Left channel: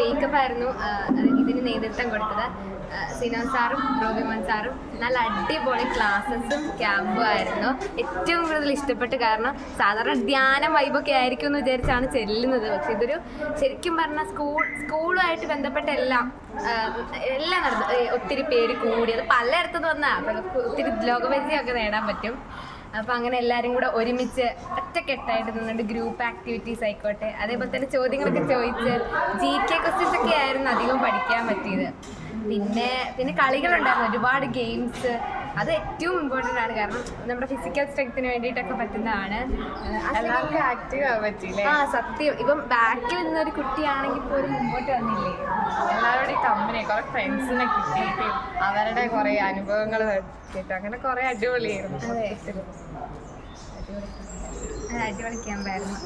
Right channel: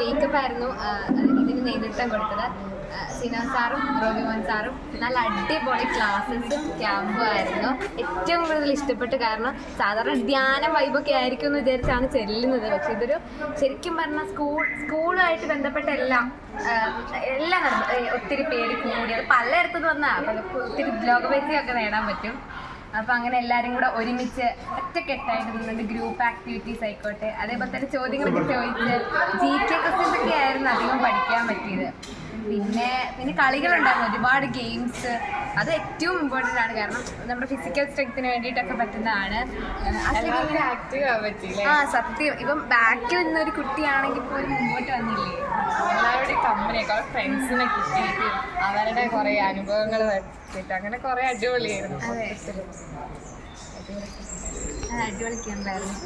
Wake up ആയിരുന്നു ഇതിന് നേതൃത്വം കൊടുത്തത്. സിനാൻ സാറും റോബിമാൻ സാറും നല്ല അടിപൊളി ക്ലാസ്സസും ക്യാമ്പും ആയിരുന്നു. ഏറ്റവും കൂടുതൽ ഇഷ്ടപ്പെട്ട്, കാരണം സാധാരണ ധ്യാന വൈബൊക്കെ ആയിരിക്കും എന്ന് വിചാരിച്ചാണ് ചെല്ലുന്നത്. പക്ഷെ ഇതൊരു ശരിക്കും പറഞ്ഞാൽ സ്കൂളുമായിട്ട് ബന്ധപ്പെട്ട എല്ലാം നടന്നു. ഒത്തിരി പേര് കൂടി, അത് പലയിടത്തുനിന്ന് വന്നാൽ അപ്പം ഒത്തിരി ലോകപരിചയമൊക്കെ നേടാൻ പറ്റും. അപ്പോൾ അങ്ങനെ എല്ലാവരും കൂടെ ഒരുമിച്ച് ഒറ്റക്കെട്ടായിട്ട് നിന്നുകൊണ്ട് ഗ്രൂപ്പ് ആക്ടിവിറ്റീസ് ആയിക്കോട്ടെ, അതേപോലെ തന്നെ ചോദ്യങ്ങളൊക്കെ ചോദിച്ച് GK ക്വസ്റ്റ്യൻസ് ഒക്കെ ആയിരുന്നു അധികം പഠിക്കാൻ പറ്റിയത്. പിന്നെ കളികളുണ്ടായിരുന്നു, ഒരുപാട് ഗെയിംസ്. അത് ഏറ്റവും ഇമ്പോർട്ടൻ്റ് ആണ്, കാരണം നമ്മുടെ ഫിസിക്കൽ സ്ട്രെങ്ത്തിന് വേണ്ടിയിട്ടൊക്കെ പറ്റുന്നതാണ്. ആക്റ്റീവ് ആവാൻ പറ്റിയില്ലേ? സത്യം. ഇപ്പം ബാക്കിൽ നിന്നൊരു കുട്ടിയാണെങ്കിൽ പോലും മുമ്പോട്ട് വന്നില്ലേ. എല്ലാവരുടെയും കമ്പനി, കുറെ ഫ്രണ്ട്സിനെ കിട്ടിയിട്ട് അവരുടെ കുറെ അനുഭവങ്ങൾ വെച്ചിട്ട് അങ്ങനെ കുറെ അടിപൊളിയായിരുന്നു. അടിപൊളി ക്യാമ്പായിരുന്നു.